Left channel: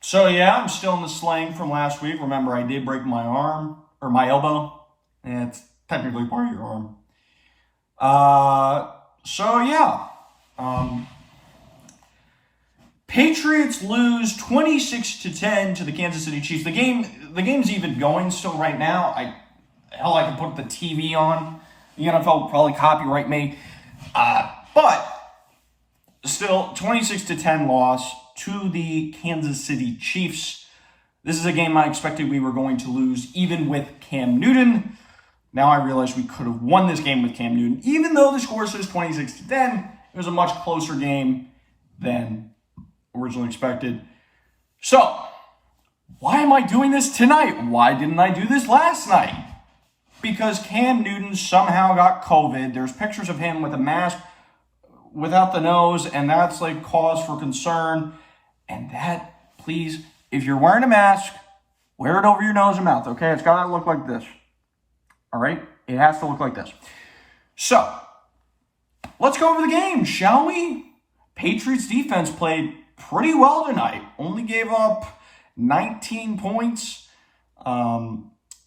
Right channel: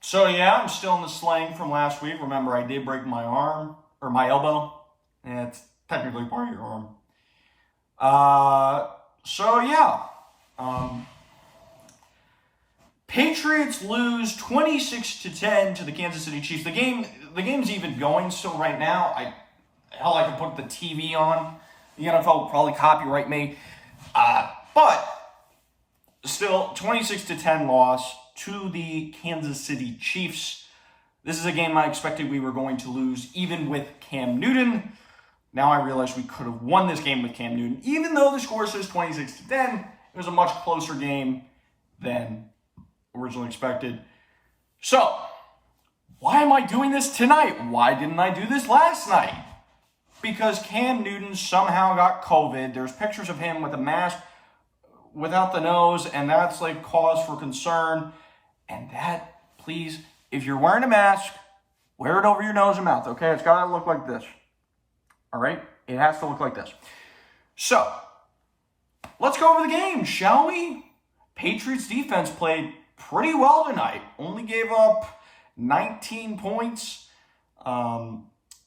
So yeah, I'm still in the sling from last week. Remember, I did break my arm, or my elbow. And it's technically part of your arm. So yeah. Patriots lose 26-10 to the Kansas City Chiefs. The game's even going still right now. I can put the TV on. The NFL will probably copyright me. But still, 26-10 loss to the Kansas City Chiefs. This is a game I expected we were going to lose, even with Cam Newton. Now I realize we could have won this game with Cam Newton. Even though the score says 26-10, it was a much closer game than originally expected. So, why am I doing this tonight? Why didn't I do this last night? Because Cam Newton somehow got COVID. There's pictures of him with a mask without the nose, and that's like cause for concern. And that, please, if you're wearing a mask, wear it over your nose and mouth, okay? It's got to look like this. All right? It has to look like this. So, let's go over the game, shall we? Patriots defense played pretty well tonight. Only gave up 19 points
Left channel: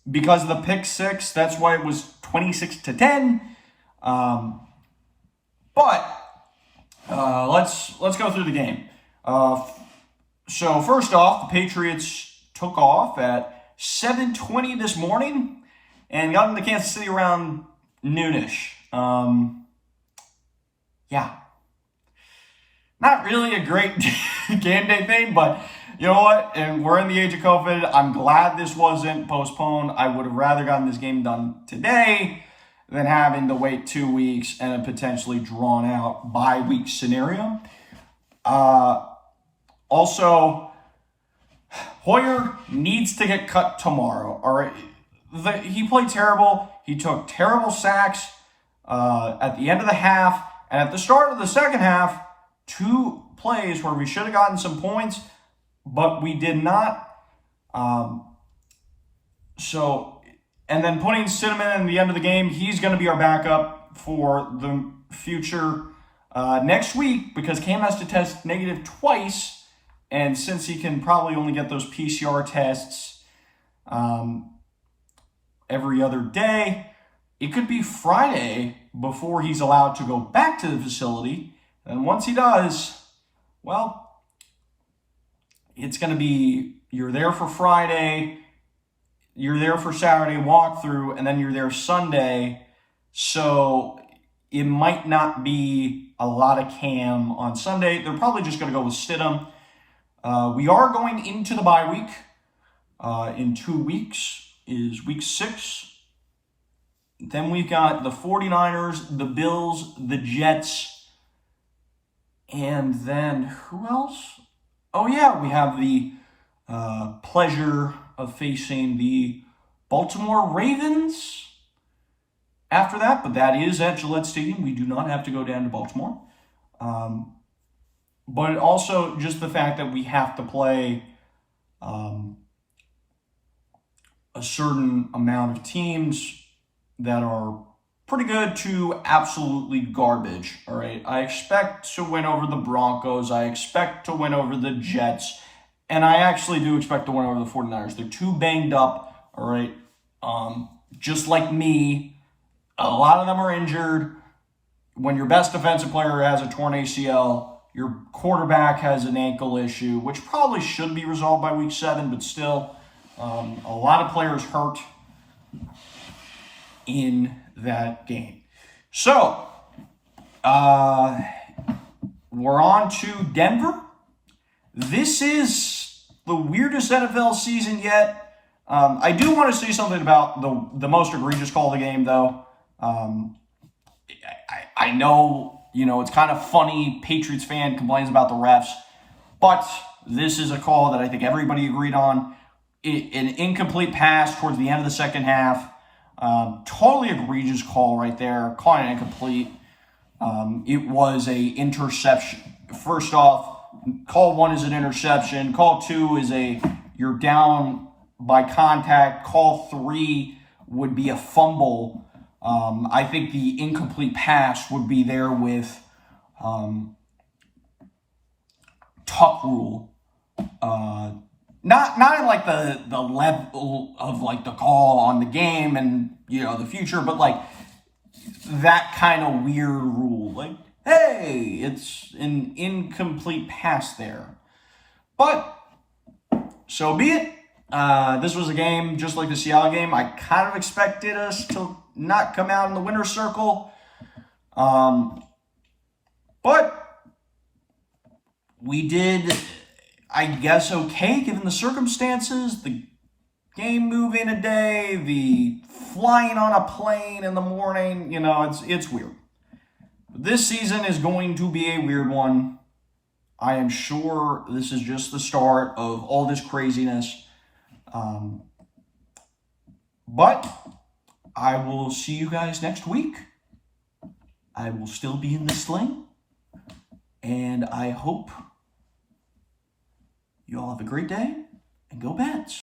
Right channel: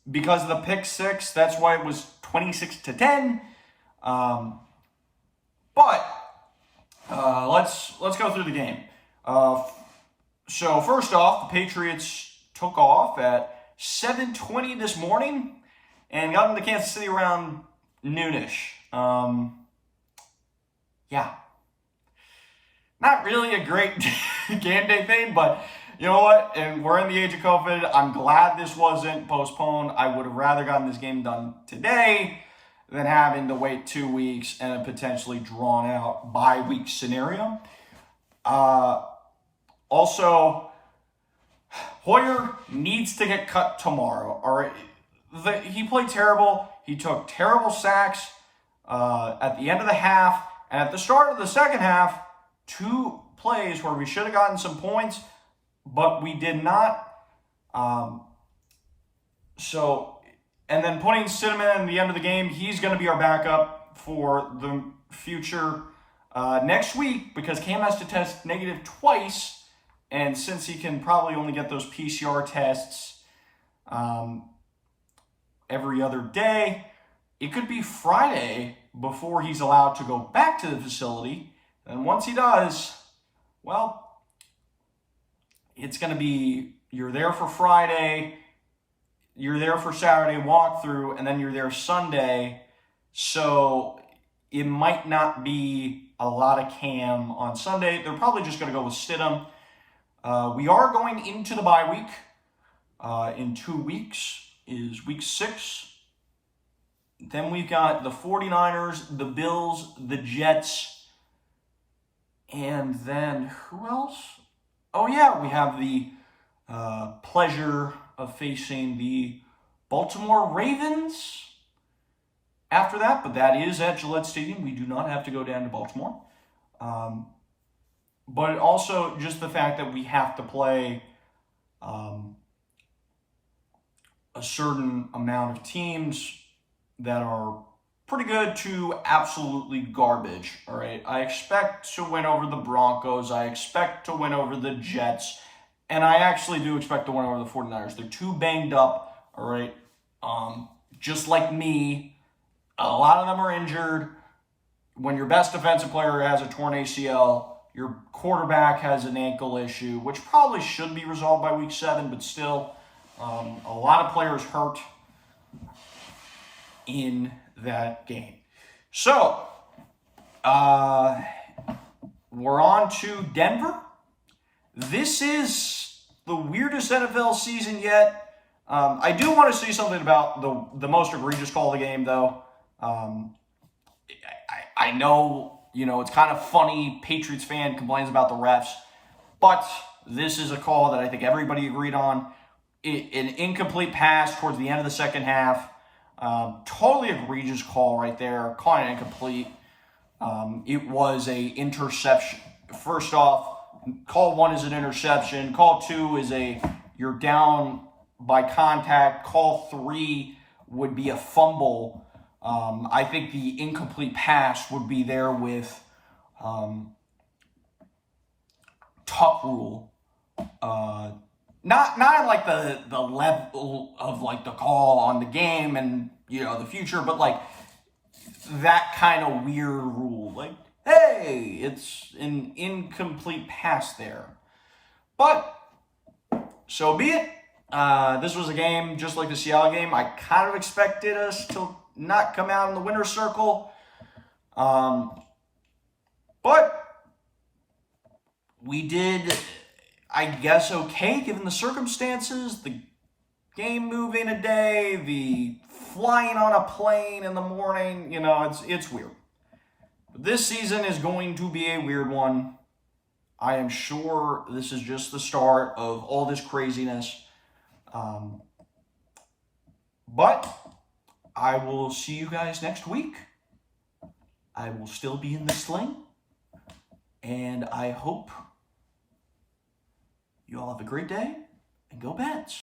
because of the pick six. That's why it was 26-10. But let's go through the game. So first off, the Patriots took off at 7:20 this morning and got into Kansas City around noonish. Yeah. Not really a great game day thing, but you know what? And we're in the age of COVID. I'm glad this wasn't postponed. I would have rather gotten this game done today than having to wait 2 weeks and a potentially drawn out bye-week scenario. Also, Hoyer needs to get cut tomorrow. All right, he played terrible. He took terrible sacks at the end of the half, and at the start of the second half, 2 plays where we should have gotten some points, but we did not. And then putting Cinnamon in the end of the game, he's going to be our backup for the future next week because Cam has to test negative twice. And since he can probably only get those PCR tests every other day, it could be Friday before he's allowed to go back to the facility. And once he does, well, it's going to be you're there for Friday, you're there for Saturday walkthrough, and then you're there Sunday. So it might not be a lot of Cam on Sunday. They're probably just going to go with Stidham. We are going into the bye week. In 2 weeks is week 6. Then we've got the 49ers, the Bills, the Jets, and then who else? Oh yeah, we have the pleasure of facing the Baltimore Ravens after that, but that is at Gillette Stadium. We do not have to go down to Baltimore. But also just the fact that we have to play a certain amount of teams that are pretty good to absolutely garbage, all right? I expect to win over the Broncos. I expect to win over the Jets. And I actually do expect to win over the 49ers. They're too banged up, all right? Just like me, a lot of them are injured. When your best defensive player has a torn ACL, your quarterback has an ankle issue, which probably should be resolved by week 7, but still, a lot of players hurt in that game. So, we're on to Denver. This is the weirdest NFL season yet. I do want to say something about the most egregious call of the game, though. I know, it's kind of funny. Patriots fan complains about the refs, but this is a call that I think everybody agreed on. An incomplete pass towards the end of the second half. Totally egregious call right there. Calling it incomplete. It was a interception. First off, call 1 is an interception. Call 2 is you're down by contact. Call 3 would be a fumble. I think the incomplete pass would be there with tuck rule. not in like the level of like the call on the game and the future, but like that kind of weird rule. Like, hey, it's an incomplete pass there. But so be it. This was a game just like the Seattle game. I kind of expected us to not come out in the winner's circle. But we did, I guess, okay given the circumstances. The game moving a day, the flying on a plane in the morning, it's weird. But this season is going to be a weird one. I am sure this is just the start of all this craziness. But I will see you guys next week. I will still be in the sling. And I hope you all have a great day and go Bats.